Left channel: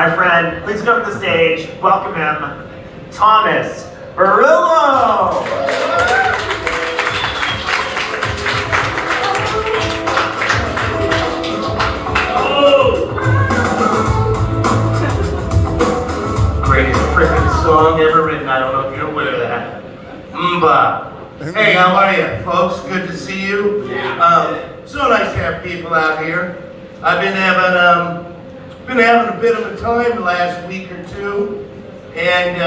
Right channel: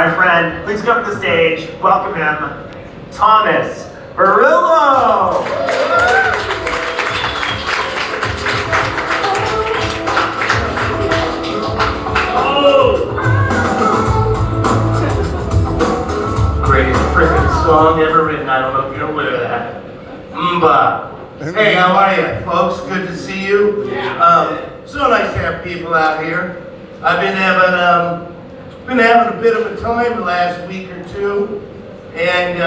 My friend, please come to the stage. Welcome him, Thomas Barillo. Greatest freaking song ever written. I don't know if you're aware of that. Hey, how are you, folks? Good to see you. So nice to have people out here. I've been having a bit of a time the last week or two, and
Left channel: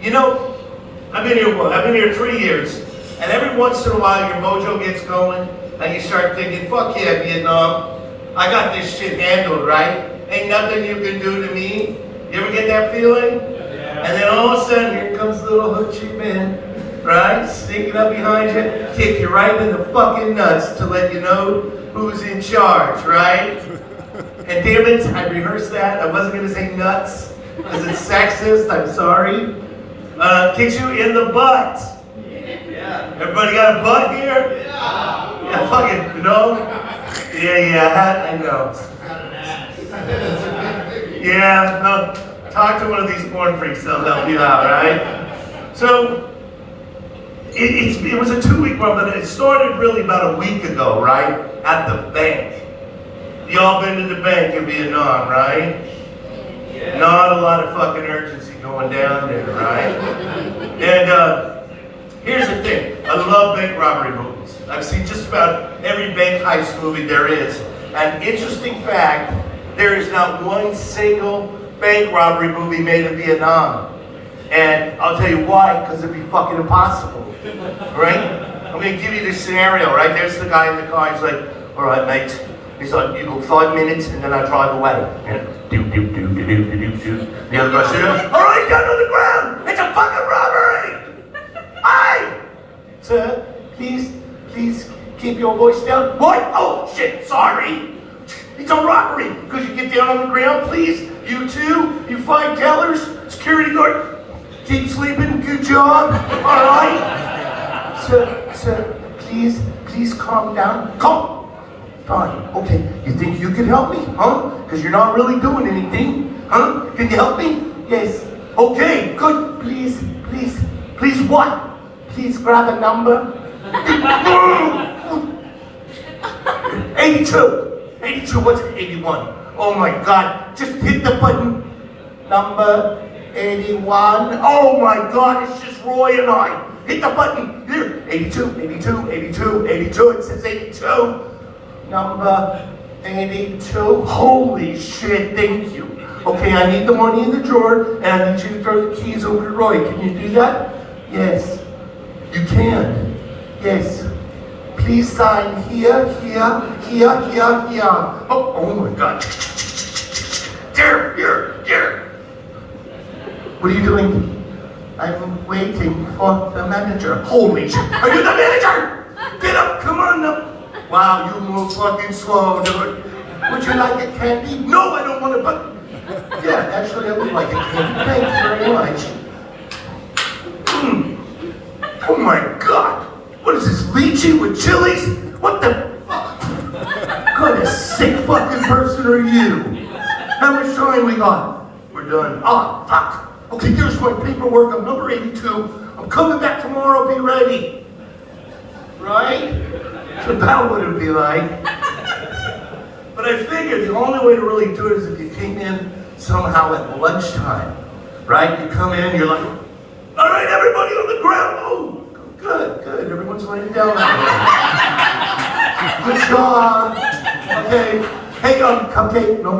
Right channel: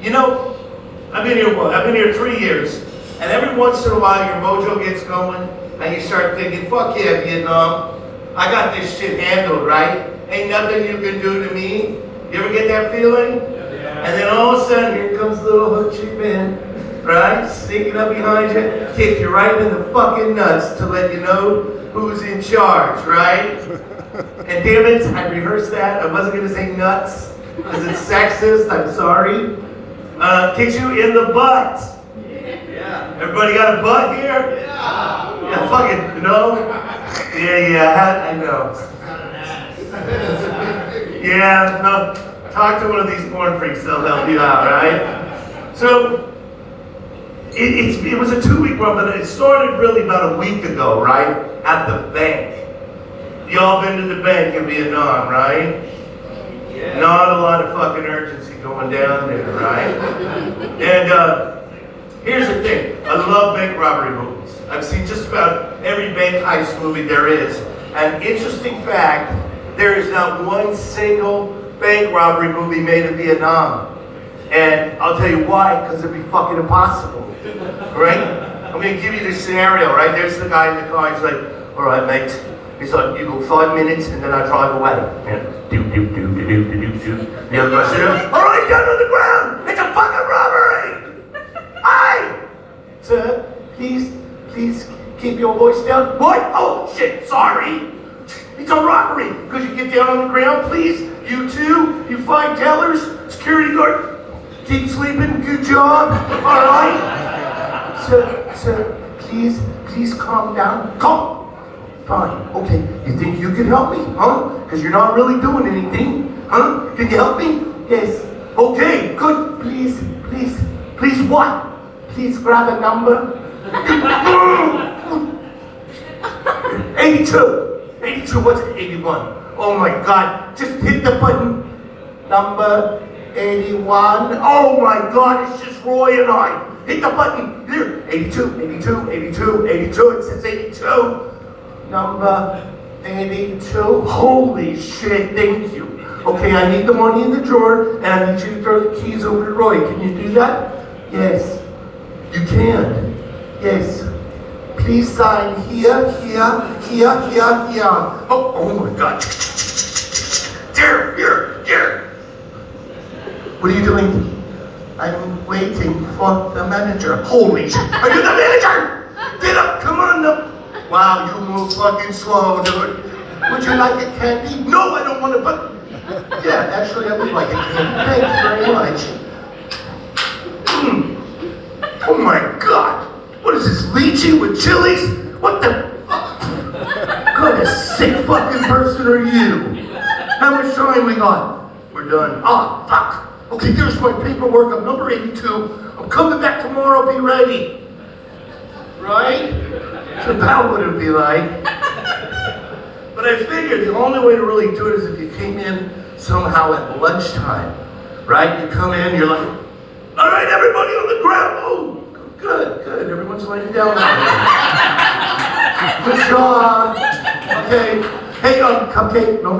you know, I've been here 3 years, and every once in a while your mojo gets going, and you start thinking, "Fuck yeah, Vietnam! I got this shit handled, right? Ain't nothing you can do to me." You ever get that feeling? And then all of a sudden, here comes little hoochie man, right? Sneaking up behind you, kick you right in the fucking nuts to let you know who's in charge, right? And damn it, I rehearsed that. I wasn't gonna say nuts, because it's sexist, I'm sorry. Kicks you in the butt. Yeah. Everybody got a butt here? Yeah, fucking, no? Yeah, I know. Yeah, no, talk to one of these porn freaks, they'll help you out, right? So, it was a 2-week run, but it started really about a week ago, right? At the bank. You all been to the bank in Vietnam, right? Yeah. Not a lot of fucking urgency going down there, right? And here's the thing, I love bank robbery movies. I've seen just about every bank heist movie there is. An interesting fact, there is not one single bank robbery movie made in Vietnam. And I'll tell you why, because it'd be fucking impossible, right? I'm gonna give you this scenario, right? There's the guy in the car, he's like, "All right, mate." He's like, "You go 5 minutes and then I drive away." And the other guy's like, "All right, down on the ground! It's a fucking robbery!" Aye! Sir, please keep your voice down. What? Oh shit, sorry! It's a robbery! Could you get down on the ground, please? You two, you 5 tellers, security guard. Keep sleeping, good job, all right? Sir, please calm down. Calm. Fine, okay. You think you can help me, huh? Because you're not really doing anything, huh? Can you help me? Yes. Okay, good. Please what? Please grab a number. 82, what's 81? Oh my God, just hit the button. Number 81. Oh my God, it's just Roy and I. Hit the button. Here, 82. It says 82. Number 82. Holy shit, thank you. Okay, I need the money in the drawer, and I need you to throw the keys over to Roy. Can you do that? Yes. You can. Yes. Please sign here. Oh my God. Here. What are you doing? I'm waiting for the manager. Holy shit. Are you the manager? Get up, come on up. Wow, you move fucking slow, dude. Would you like a candy? No, I don't want to, but yeah, actually I would like a candy. Thank you very much. Oh my God. What is this, lychee with chilies? What the fuck? What kind of sick fucking person are you? How much time we got? We're done. Oh, fuck. Okay, here's my paperwork. I'm number 82. I'm coming back tomorrow. Be ready. Right? So that would it be like. But I figured the only way to really do it is if you came in somehow at lunchtime. Right? You come in, you're like, "All right, everybody on the ground." Oh, good. Everyone's laying down. Good job. Okay. Hey, Cupcake. No.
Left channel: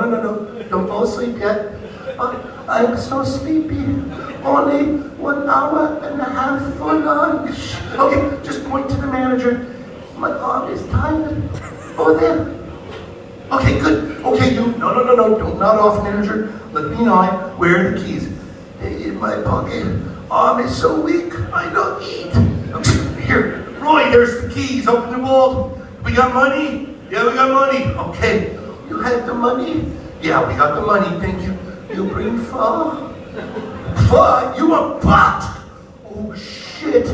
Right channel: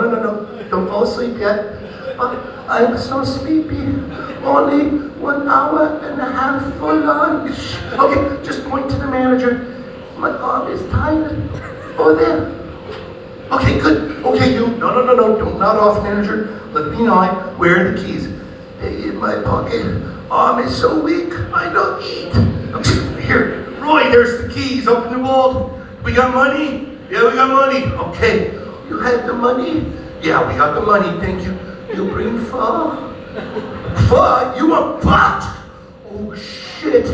Don't fall asleep yet. I'm so sleepy. Only 1 hour and a half for lunch. Okay, just point to the manager. My arm is tired. Over there. Okay, good. Okay, you. No. Don't nod off, manager. Let me know. Where are the keys? They're in my pocket. Arm is so weak. I don't eat. Okay, here. Roy, there's the keys. Open the vault. We got money? Yeah, we got money. Okay. You had the money? Yeah, we got the money. Thank you. You bring pho? Pho? You want pot? Oh shit.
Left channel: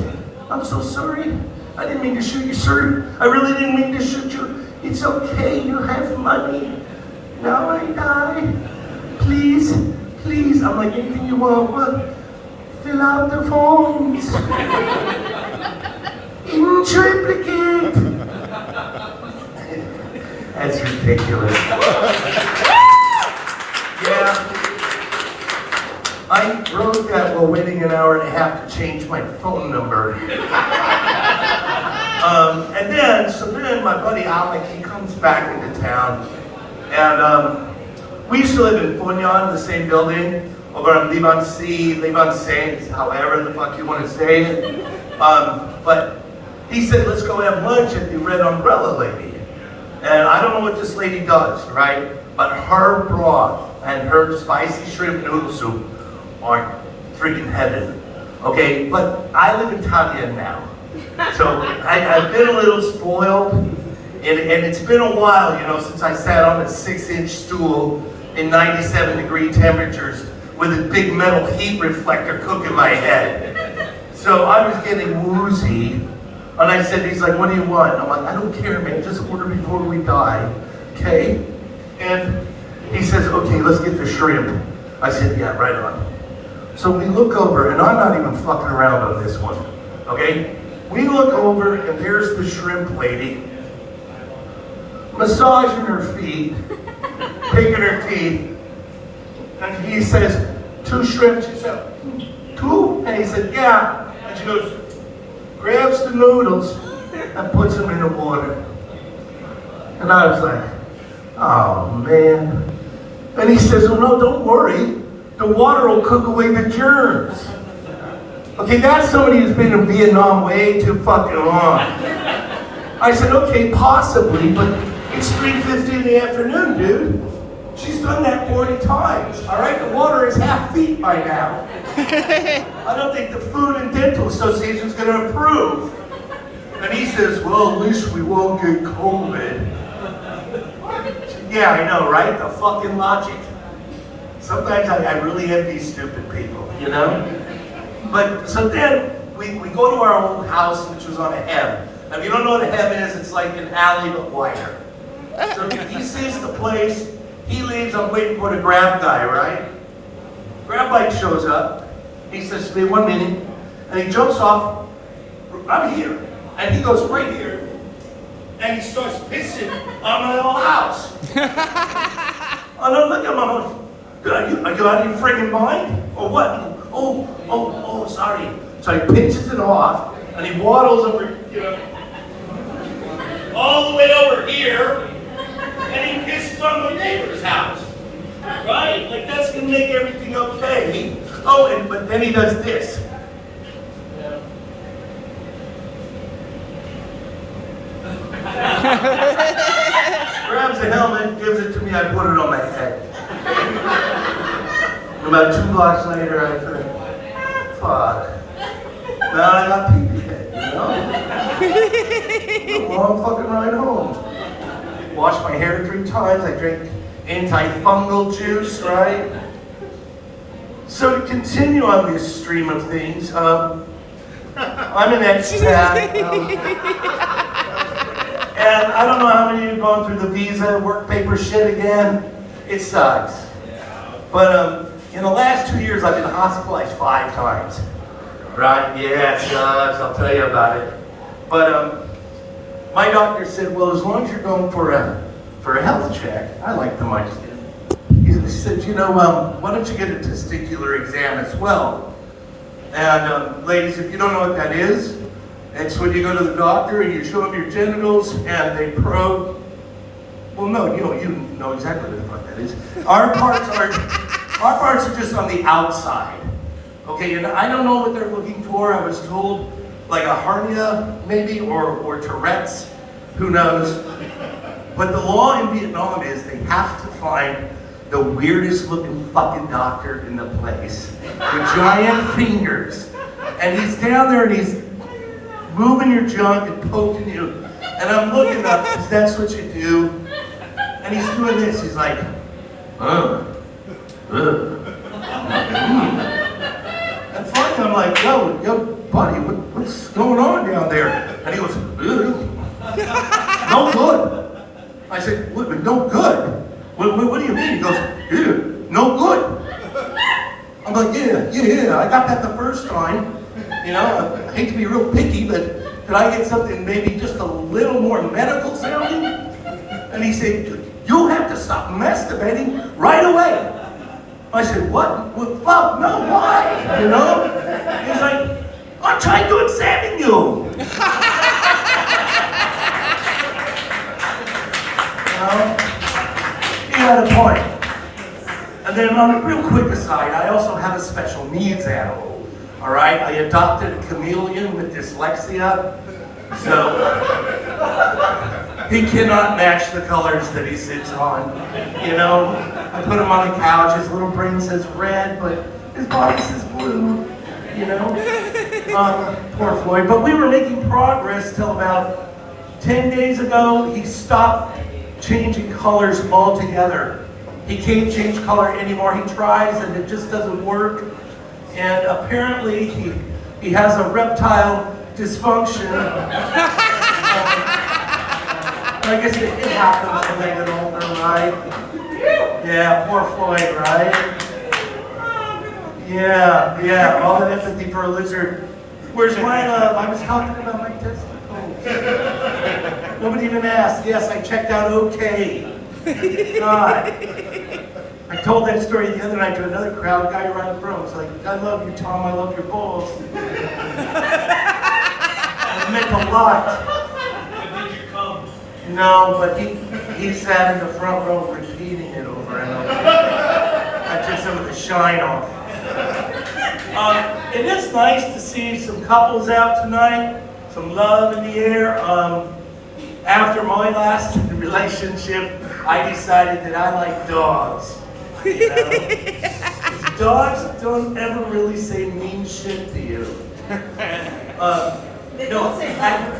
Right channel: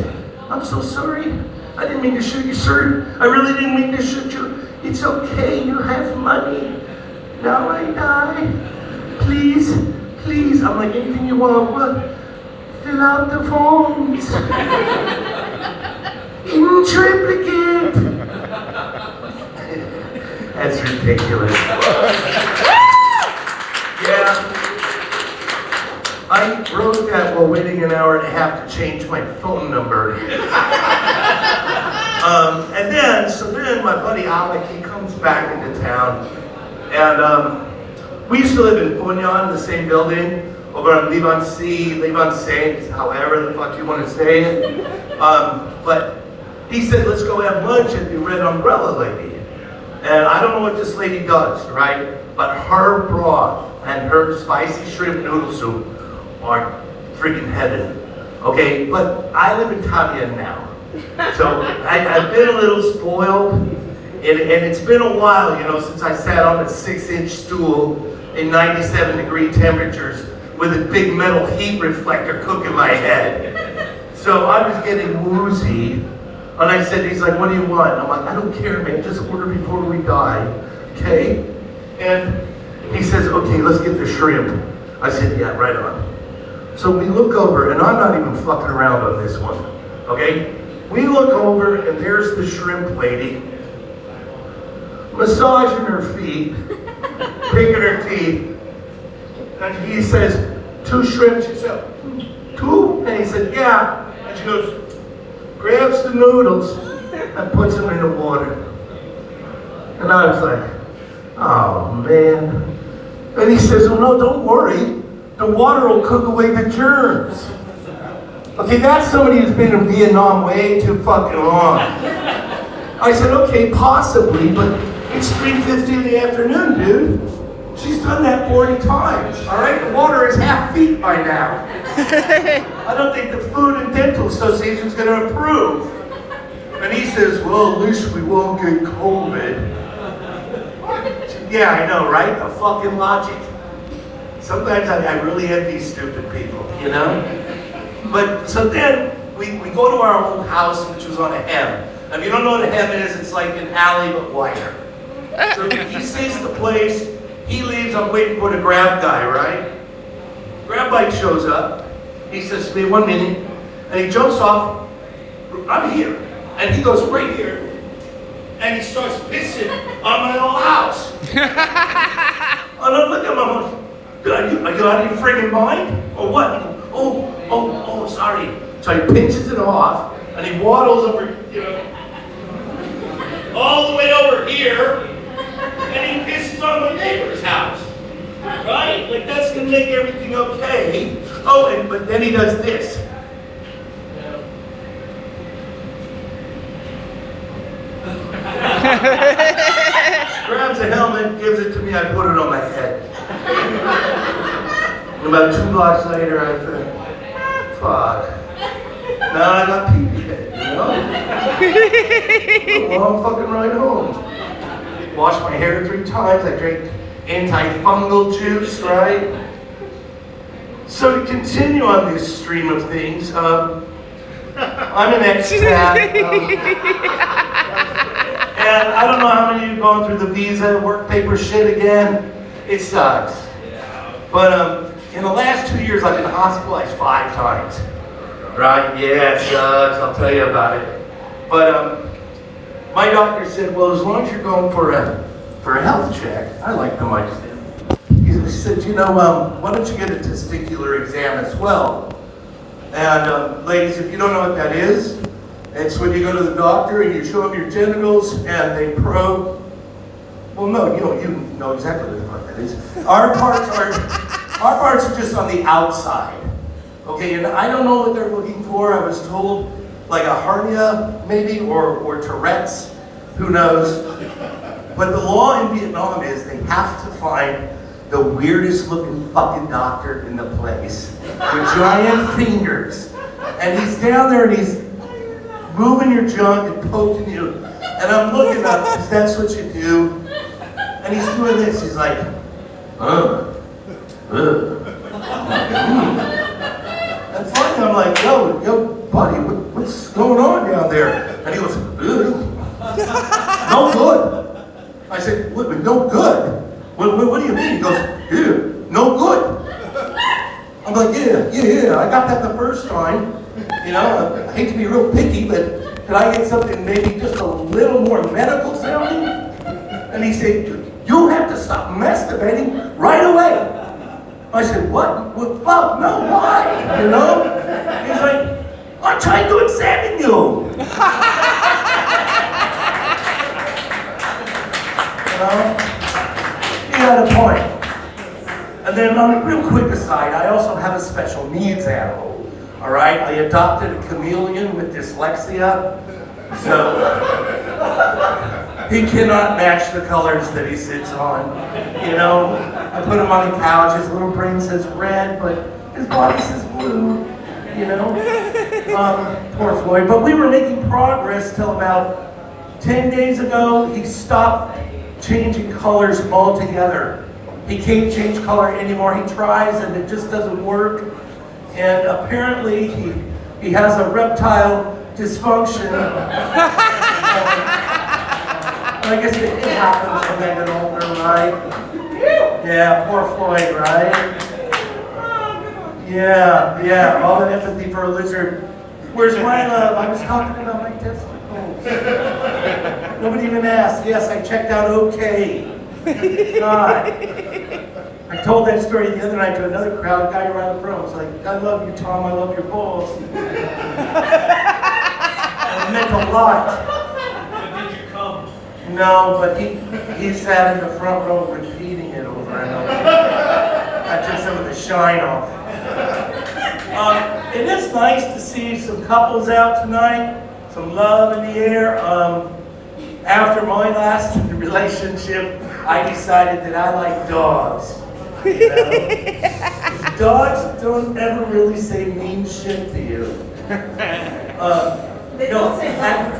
I'm so sorry. I didn't mean to shoot you, sir. I really didn't mean to shoot you. It's okay, you have money. Now I die. please, please. I'm like, anything you want, what? Fill out the forms. In triplicate. That's ridiculous. Yeah. I wrote that while waiting an hour and a half to change my phone number. So then my buddy Alec, he comes back into town. And we used to live in Punyan, the same building, over on Levon Saint, however the fuck you want to say it. But he said, let's go have lunch at the Red Umbrella Lady. And I don't know what this lady does, right? But her broth and her spicy shrimp noodle soup are freaking heaven. Okay, but I live in Tavia now. So I've been a little spoiled, and it's been a while, you know, since I sat on a 6-inch stool in 97-degree temperatures with a big metal heat reflector cooking my head. So I was getting woozy, and I said, he's like, what do you want? I'm like, I don't care, man, just order before we die, okay? And he says, okay, let's get the shrimp. I said, yeah, right on. So we look over, and I'm not even fucking around on this one, okay? We look over, and there's the shrimp lady, massaging her feet, picking her teeth, and he says, 2 shrimp. She said, 2? And he said, yeah. And she goes, grabs the noodles and puts them in the water. And I was like, oh man. And he says, oh no, don't worry. The water will cook away the germs. Okay, that's somebody who's been in Vietnam way too fucking long. I said, okay, possibly, but it's 3:50 in the afternoon, dude. She's done that 40 times, all right? The water is half feet by now. I don't think the Food and Dental Association is going to approve. And he says, well, at least we won't get COVID. Yeah, I know, right? The fucking logic. Sometimes I really have these stupid people, you know? But so then we go to our old house, which was on a hem. Now, if you don't know what a hem is, it's like an alley but wider. So he sees the place, he leaves, I'm waiting for the grab guy, right? Grab bike shows up, he says to me, 1 minute, and he jumps off, I'm here, and he goes right here, and he starts pissing on my old house. I don't look at him, I'm like, are you out of your friggin' mind? Or what? Oh, sorry. So he pinches it off, and he waddles over, you know, all the way over here, and he pisses on my neighbor's house. Right? Like, that's gonna make everything okay. Oh, but then he does this. Grabs a helmet, gives it to me, I put it on my head. About 2 blocks later, I said, fuck. Now I got pee-pee head, you know? A long fucking ride home. Washed my hair 3 times, I drank antifungal juice, right? So to continue on this stream of things, I'm an expat. And I don't know how many of you are going through the visa, work paper shit again. It sucks. But in the last 2 years, I've been hospitalized 5 times. Right? Yeah, it sucks. I'll tell you about it. But my doctor said, well, as long as you're going for a health check, I like them idea. He said, you know, why don't you get a testicular exam as well? And ladies, if you don't know what that is, it's when you go to the doctor and you show them your genitals and they probe. Well, no, you know exactly what the fuck that is. Our parts are just on the outside. Okay, and I don't know what they're looking for. I was told like a hernia maybe, or Tourette's, who knows. But the law in Vietnam is they have to find the weirdest looking fucking doctor in the place with giant fingers. And he's down there and he's moving your junk and poking you. And I'm looking up, because that's what you do. And he's doing this, he's like, And finally I'm like, yo, buddy, what's going on down there? And he goes, no good. I said, what, no good? What do you mean? He goes, no like, yeah, I got that the first time. You know, I hate to be real picky, but could I get something maybe just a little more medical sounding? And he said, you have to stop masturbating right away. I said, what? Well, fuck, no, why? You know? He's like, I'm trying to examine you. You know? He had a point. And then on a real quick aside, I also have a special needs animal. All right? I adopted a chameleon with dyslexia. So he cannot match the colors that he sits on. You know? I put him on the couch, his little brain says red, but his body says blue. You know? Poor Floyd. But we were making progress till about 10 days ago. He stopped changing colors altogether. He can't change color anymore. He tries and it just doesn't work. And apparently he has a reptile dysfunction. I guess it happens when they get older, right? Yeah, poor Floyd, right? Yeah, all the empathy for a lizard. Where's my love? I was talking about my testicles. Nobody even asked. Yes, I checked out okay. God. I told that story the other night to another crowd, guy around the room. It's like, I love you, Tom, I love your balls. It meant a lot. Did you come? No, but he sat in the front row repeating it over and over. I took some of the shine off. It is nice to see some couples out tonight, some love in the air. After my last relationship, I decided that I like dogs. You know? Dogs don't ever really say mean shit to you. They don't say that.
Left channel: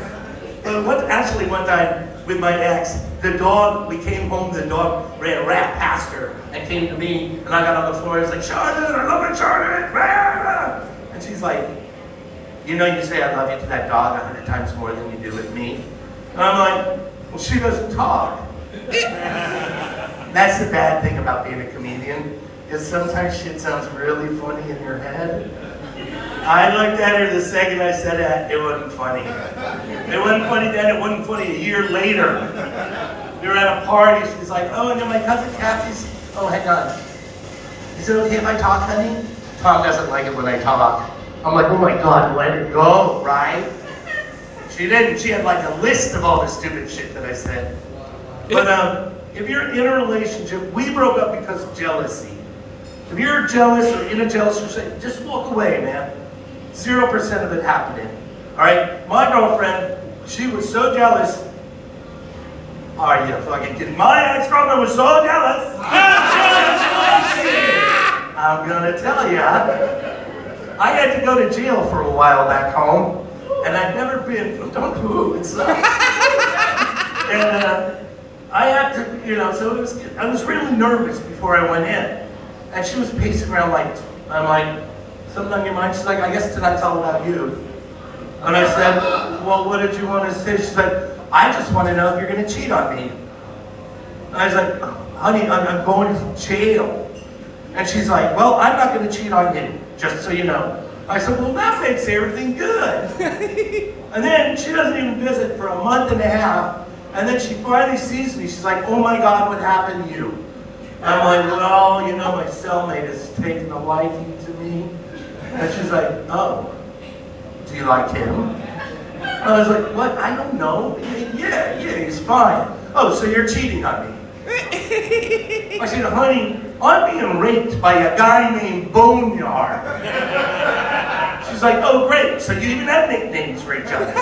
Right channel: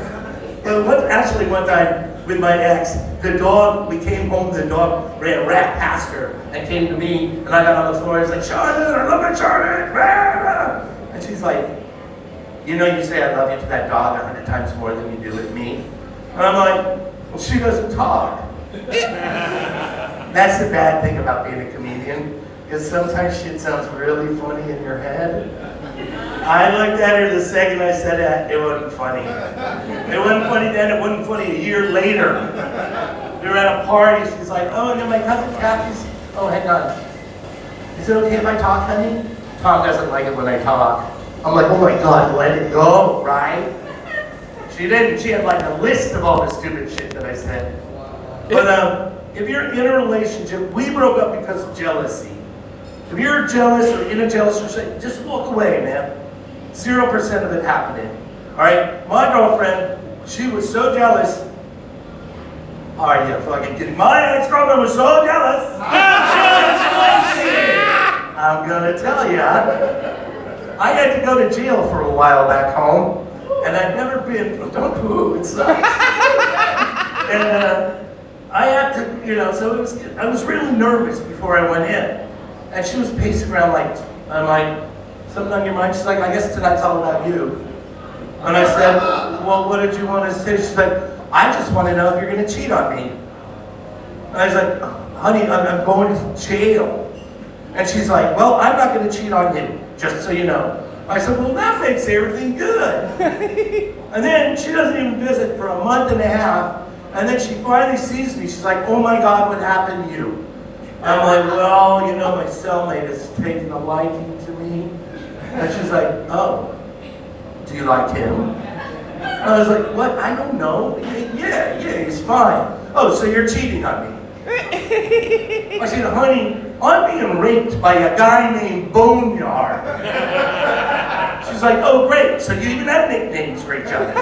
Actually, one time with my ex, the dog, we came home, the dog ran right past her and came to me, and I got on the floor and was like, Charlotte, I love it, Charlotte. And she's like, you know, you say I love you to that dog 100 times more than you do with me. And I'm like, well, she doesn't talk. That's the bad thing about being a comedian, is sometimes shit sounds really funny in your head. I looked at her the second I said that, it wasn't funny. It wasn't funny then, it wasn't funny a year later. We were at a party, she's like, oh, and then my cousin Kathy's, oh, hang on. Is it okay if I talk, honey? Tom doesn't like it when I talk. I'm like, oh my God, let it go, right? She didn't, she had like a list of all the stupid shit that I said. But if you're in a relationship, we broke up because of jealousy. If you're jealous or in a jealous relationship, just walk away, man. 0% of it happening. All right, my girlfriend, she was so jealous. Are you fucking kidding? My ex-girlfriend was so jealous. I'm gonna tell you, I had to go to jail for a while back home, and I'd never been. Don't poo inside. And I had to, you know, so I was really nervous before I went in. And she was pacing around like, I'm like, something on your mind? She's like, I guess tonight's all about you. And I said, well, what did you want to say? She's like, I just want to know if you're going to cheat on me. And I was like, honey, I'm going to jail. And she's like, well, I'm not going to cheat on you, just so you know. I said, well, that makes everything good. And then she doesn't even visit for a month and a half. And then she finally sees me. She's like, oh my God, what happened to you? I'm like, well, you know, my cellmate has taken a liking to me. And she's like, oh, do you like him? I was like, what? I don't know. Yeah, he's fine. Oh, so you're cheating on me. I said, honey, I'm being raped by a guy named Boneyard. She's like, oh, great. So you even have nicknames for each other.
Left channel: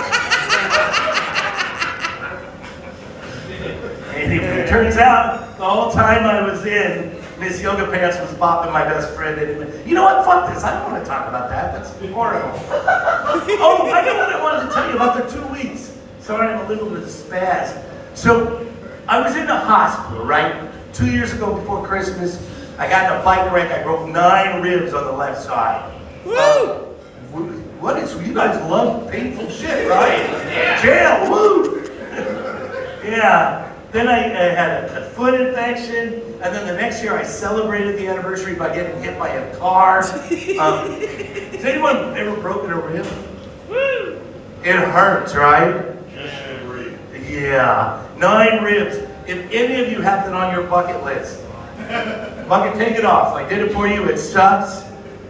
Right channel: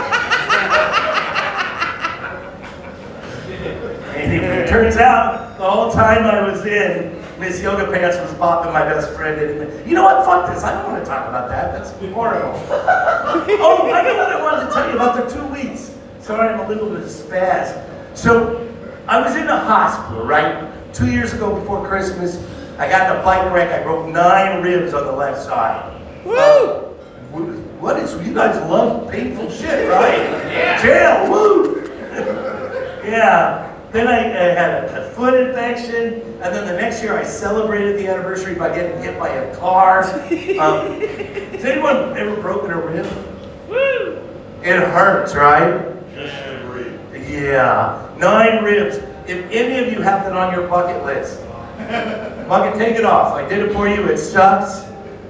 Anyway, it turns out the whole time I was in, Miss Yoga Pants was bopping my best friend anyway. You know what? Fuck this. I don't want to talk about that. That's horrible. Oh, I know what I wanted to tell you about the 2 weeks. Sorry, I'm a little bit spaz. So, I was in the hospital, right? 2 years ago before Christmas, I got in a bike wreck. I broke 9 ribs on the left side. Woo! What is, you guys love painful shit, right? Jail, woo! Yeah. Then I had a foot infection, and then the next year I celebrated the anniversary by getting hit by a car. Has anyone ever broken a rib? Woo! It hurts, right? Yeah, 9 ribs. If any of you have that on your bucket list, take it off. I did it for you, it sucks.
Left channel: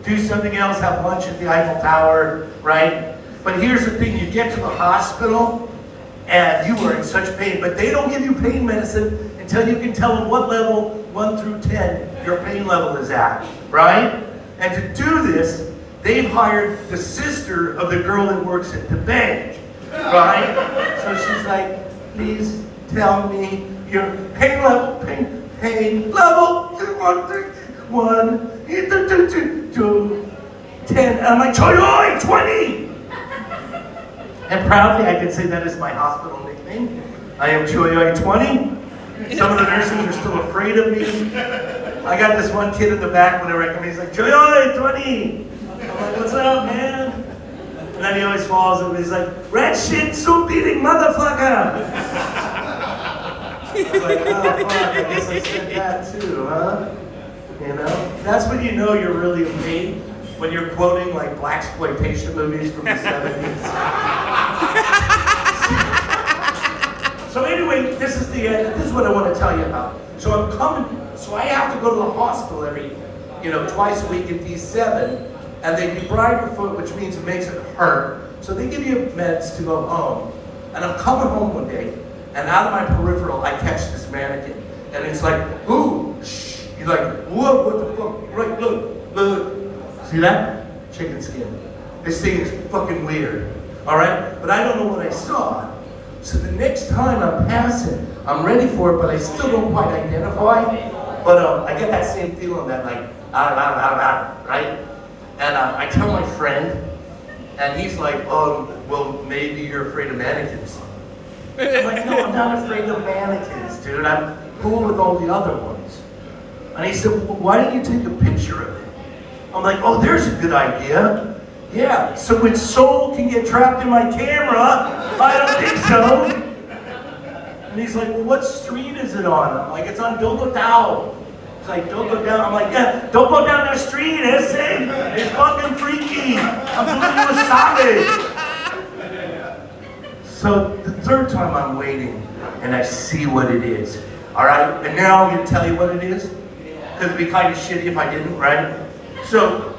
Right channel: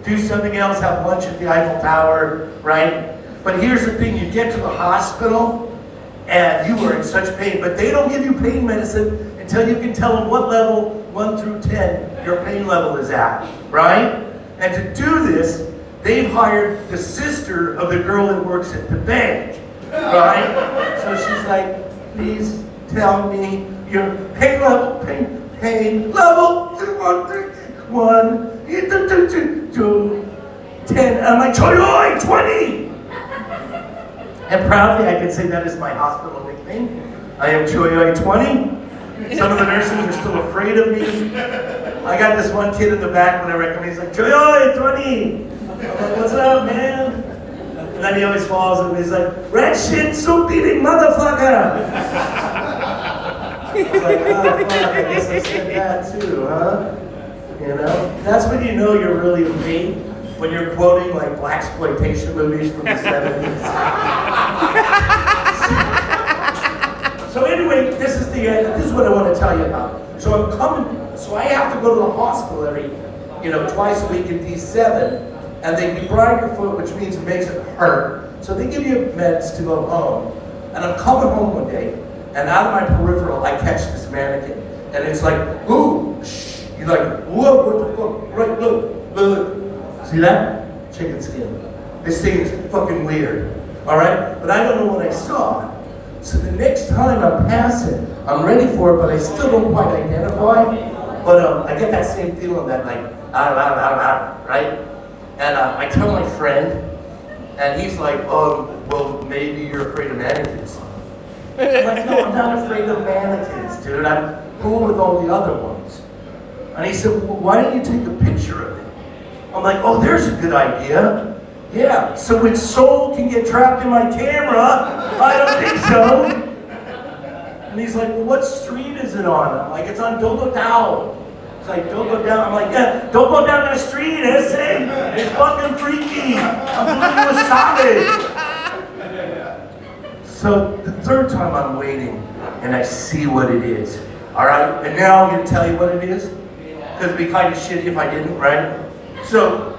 Do something else, have lunch at the Eiffel Tower, right? But here's the thing, you get to the hospital, and you are in such pain, but they don't give you pain medicine until you can tell them what level, 1 through 10, your pain level is at, right? And to do this, they've hired the sister of the girl that works at the bank, right? So she's like, please tell me your pain level, pain level, 1, 2, 10. And I'm like, Choyoy, 20! And proudly I can say that is my hospital nickname. I am Choyoy 20. Some of the nurses are still afraid of me. I got this one kid in the back when I recommend, he's like, Choyoy 20! I'm like, what's up, man? And then he always falls and he's like, red shit soup eating motherfucker! I was like, oh fuck, I guess I said that too, huh? You know? That's when you know you're really me, when you're quoting like blaxploitation movies from the 70s. So anyway, this is what I want to tell you about. So I have to go to the hospital every, twice a week in D7. And they debride your foot, which means it makes it hurt. So they give you meds to go home. And I'm coming home one day, and out of my peripheral, I catch this mannequin. And it's like, ooh, shh. You're like, whoa, what the fuck? Right, look. See that? Chicken skin. This thing is fucking weird. All right? But I don't know what I saw. So the next time I'm passing, I'm ready for it, but I still don't quite identify. But I get that same feeling that like, right? And I tell my friend, and he's like, well, maybe you're afraid of mannequins. I'm like, no, I'm not afraid of mannequins, dude. I'm cool with all the other ones. And he said, well, why don't you take a picture of it? I'm like, oh, there's a good idea. Yeah, so its soul can get trapped in my camera. I don't think so. And he's like, well, what street is it on? I'm like, it's on Dogotao. It's like, don't go down. I'm like, yeah, don't go down the street, Essay. It's fucking freaky. I'm doing you a solid. So the third time I'm waiting, and I see what it is. All right, and now I'm gonna tell you what it is. It'd be kind of shitty if I didn't, right? So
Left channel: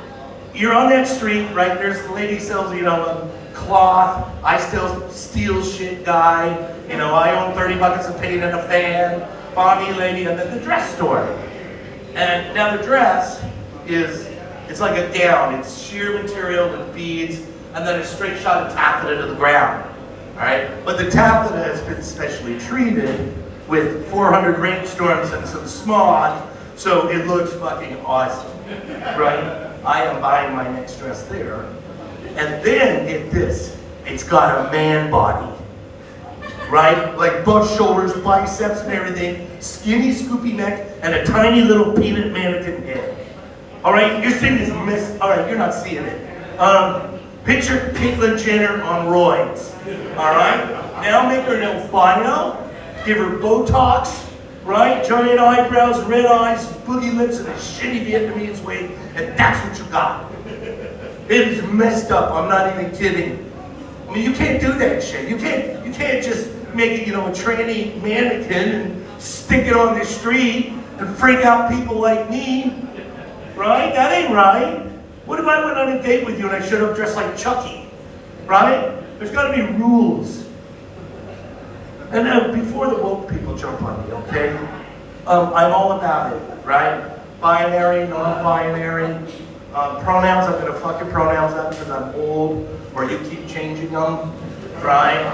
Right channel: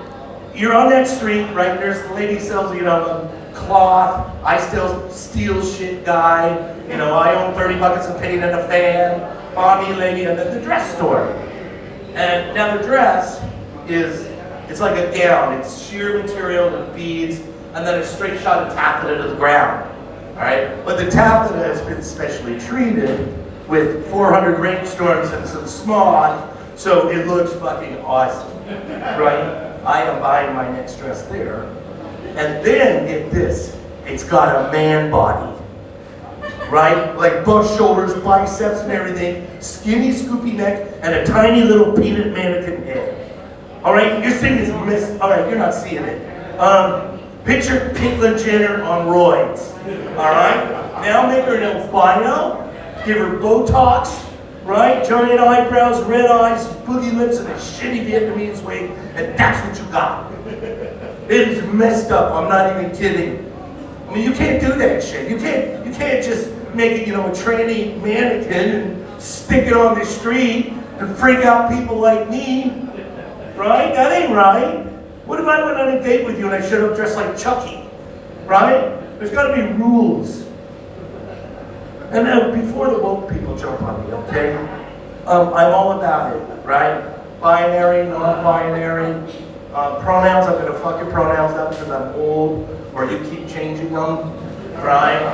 you're on that street, right? There's the lady sells, cloth. I still steal shit guy. I own 30 buckets of paint and a fan. Bonnie lady, I'm at the dress store. And now the dress it's like a gown. It's sheer material with beads, and then a straight shot of taffeta to the ground. All right? But the taffeta has been specially treated with 400 rainstorms and some smog, so it looks fucking awesome, right? I am buying my next dress there. And then, get this, it's got a man body. Right? Like bust shoulders, biceps and everything, skinny scoopy neck, and a tiny little peanut mannequin head. Alright, your thing is missed. Alright, you're not seeing it. Picture Caitlyn Jenner on roids. Alright? Now make her an albino, give her Botox, right? Giant eyebrows, red eyes, booty lips, and a shitty Vietnamese wig, and that's what you got. It is messed up, I'm not even kidding. I mean, you can't do that shit. You can't just make it, a tranny mannequin and stick it on the street to freak out people like me, right? That ain't right. What if I went on a date with you and I showed up dressed like Chucky, right? There's got to be rules. And now, before the woke people jump on me, okay? I'm all about it, right? Binary, non-binary. Pronouns, I'm gonna fuck your pronouns up because I'm old, or you keep changing them, right?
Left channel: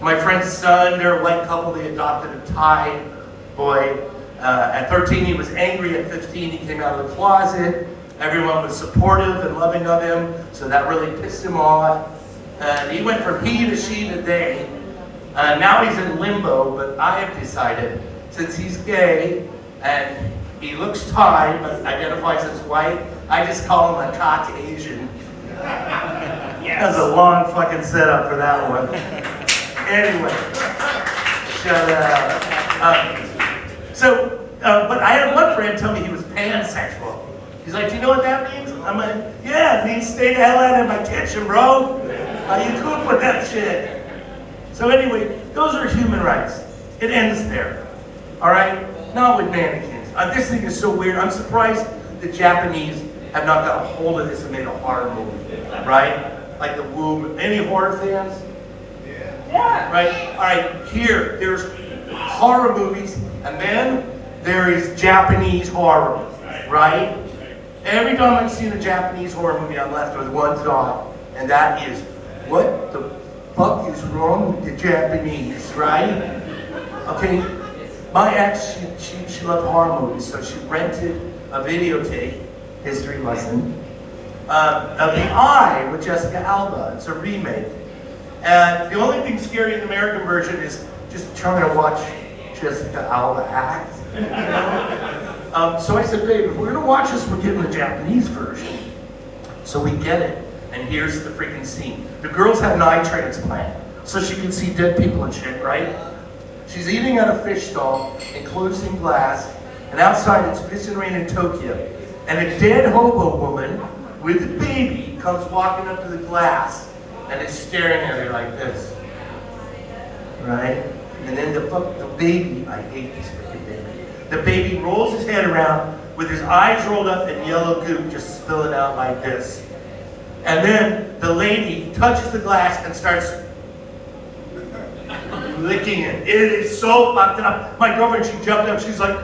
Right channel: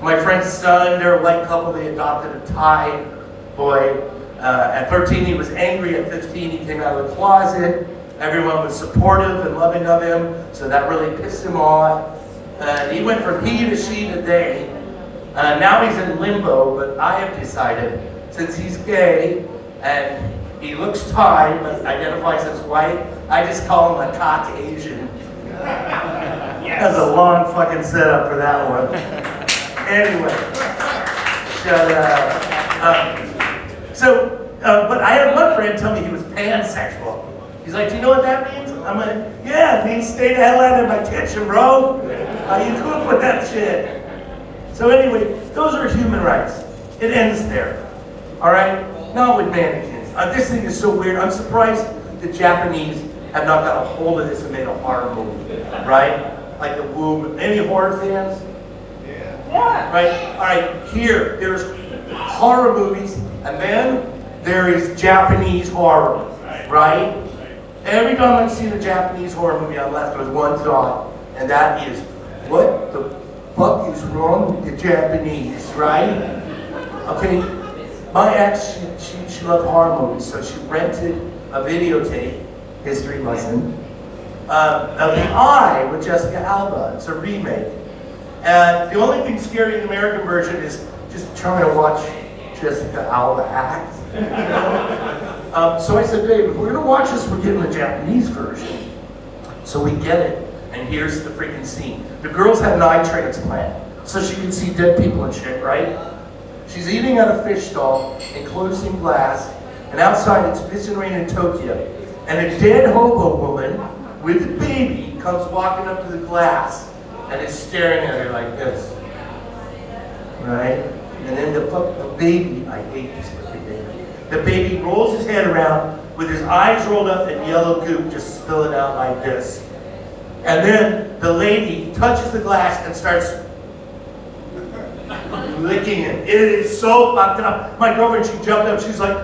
My friend's son, they're a white couple, they adopted a Thai boy. At 13, he was angry. At 15, he came out of the closet. Everyone was supportive and loving of him, so that really pissed him off. He went from he to she today. Now he's in limbo, but I have decided, since he's gay and he looks Thai but identifies as white, I just call him a Caucasian. Yes. That's a long fucking setup for that one. Anyway, Shut up. But I had one friend tell me he was pansexual. He's like, do you know what that means? I'm like, yeah, it means stay the hell out of my kitchen, bro. You cook with that shit. So anyway, those are human rights. It ends there. All right? Not with mannequins. This thing is so weird. I'm surprised the Japanese have not got a hold of this and made a horror movie. Right? Like the Woo. Any horror fans? Yeah. Right? All right, here, there's horror movies, and then there is Japanese horror. Right? Every time I see the Japanese horror movie, I'm left with one thought, and that is, what the fuck is wrong with the Japanese, right? Okay, my ex, she loved horror movies, so she rented a videotape, history lesson, of The Eye with Jessica Alba. It's a remake. And the only thing scary in the American version is just trying to watch Jessica Alba act. So I said, babe, if we're gonna watch this, we're getting the Japanese version. So we get it, and here's the freaking scene. The girl's had an eye transplant, so she can see dead people and shit, right? She's eating at a fish stall, enclosed in glass, and outside it's pissing rain in Tokyo. And a dead hobo woman with a baby comes walking up to the glass and is staring at her like this. Right? And then the baby, I hate this fucking baby. The baby rolls his head around with his eyes rolled up and yellow goop just spilling out like this. And then the lady touches the glass and starts licking it. It is so fucked up. My girlfriend, she jumped up, she's like,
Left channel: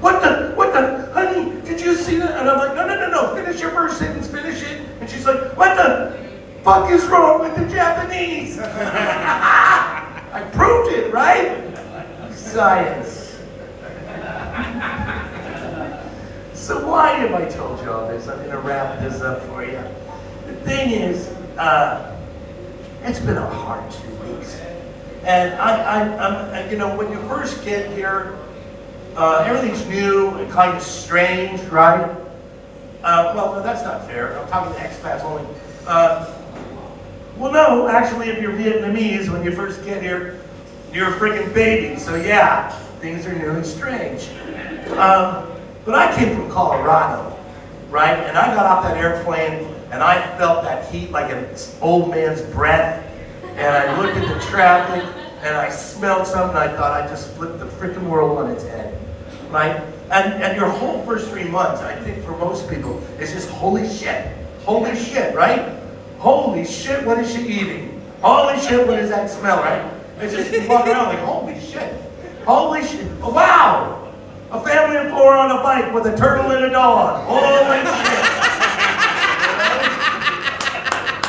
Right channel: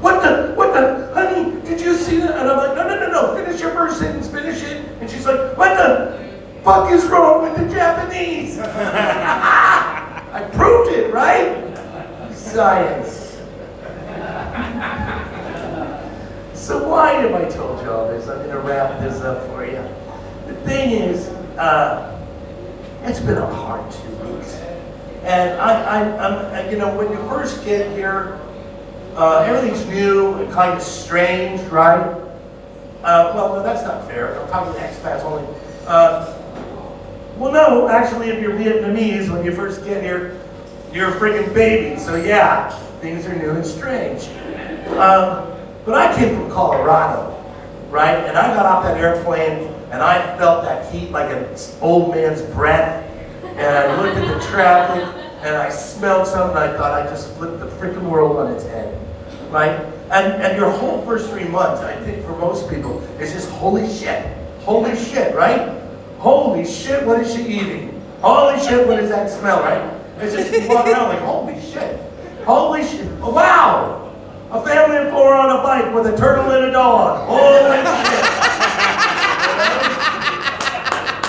what the, honey, did you see that? And I'm like, no, finish your first sentence, finish it. And she's like, what the fuck is wrong with the Japanese? I proved it, right? Science. So why have I told you all this? I'm gonna wrap this up for you. The thing is, it's been a hard 2 weeks. And I'm you know, when you first get here, everything's new and kind of strange, right? Well, no, that's not fair. I'm talking to X-Class only. Well, no, actually, if you're Vietnamese, when you first get here, you're a freaking baby. So yeah, things are new and strange. But I came from Colorado, right? And I got off that airplane and I felt that heat like an old man's breath. And I looked at the traffic and I smelled something and I thought I just flipped the freaking world on its head, right? And your whole first 3 months, I think for most people, is just holy shit, right? Holy shit, what is she eating? Holy shit, what does that smell, right? It's just, you walk around like, holy shit, oh, wow! A family of 4 on a bike with a turtle and a dog. Holy shit.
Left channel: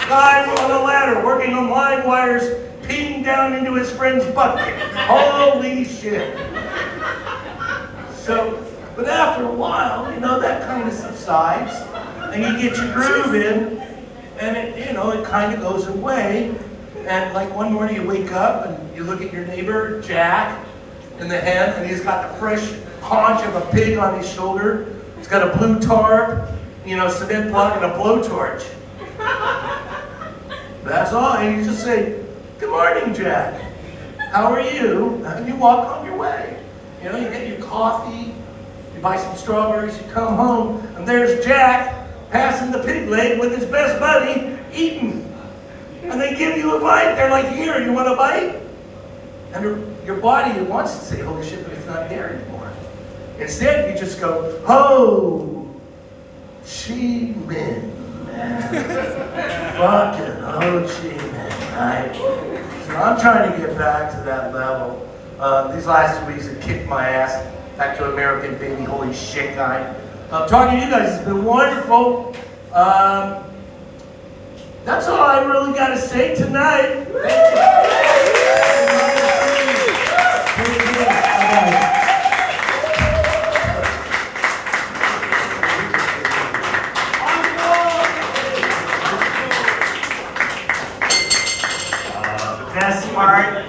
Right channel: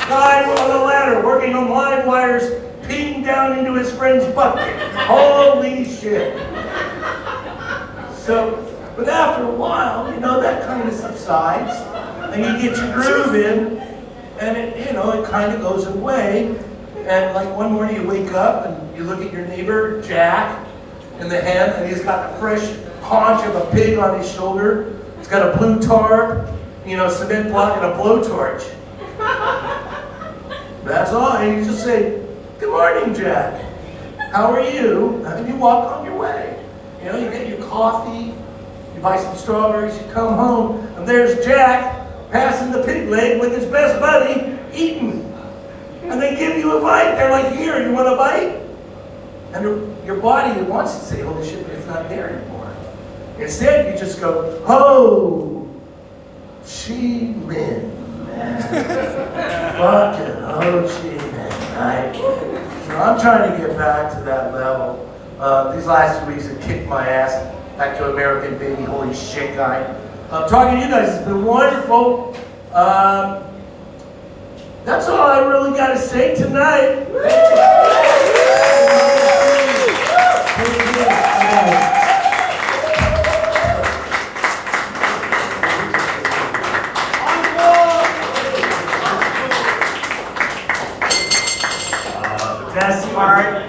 Guy on a ladder working on live wires, peeing down into his friend's bucket. Holy shit. So, but after a while, you know, that kind of subsides, and you get your groove in, and it, you know, it kind of goes away. And like one morning you wake up and you look at your neighbor, Jack, in the hen, and he's got the fresh haunch of a pig on his shoulder. He's got a blue tarp, you know, cement block and a blowtorch. That's all, and you just say, good morning, Jack. How are you? And you walk on your way. You know, you get your coffee, you buy some strawberries, you come home, and there's Jack passing the pig leg with his best buddy, eating. And they give you a bite. They're like, here, you want a bite? And your body wants to say, holy shit, but it's not there anymore. Instead, you just go, ho, chi minh. Fucking ho chi minh, right? So I'm trying to get back to that level. These last 2 weeks have kicked my ass back to American baby, holy shit guy. Talking to you guys has been wonderful. That's all I really got to say tonight.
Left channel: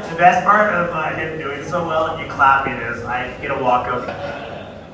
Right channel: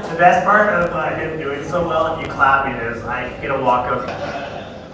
The best part of him doing so well and you clapping is I get a walk of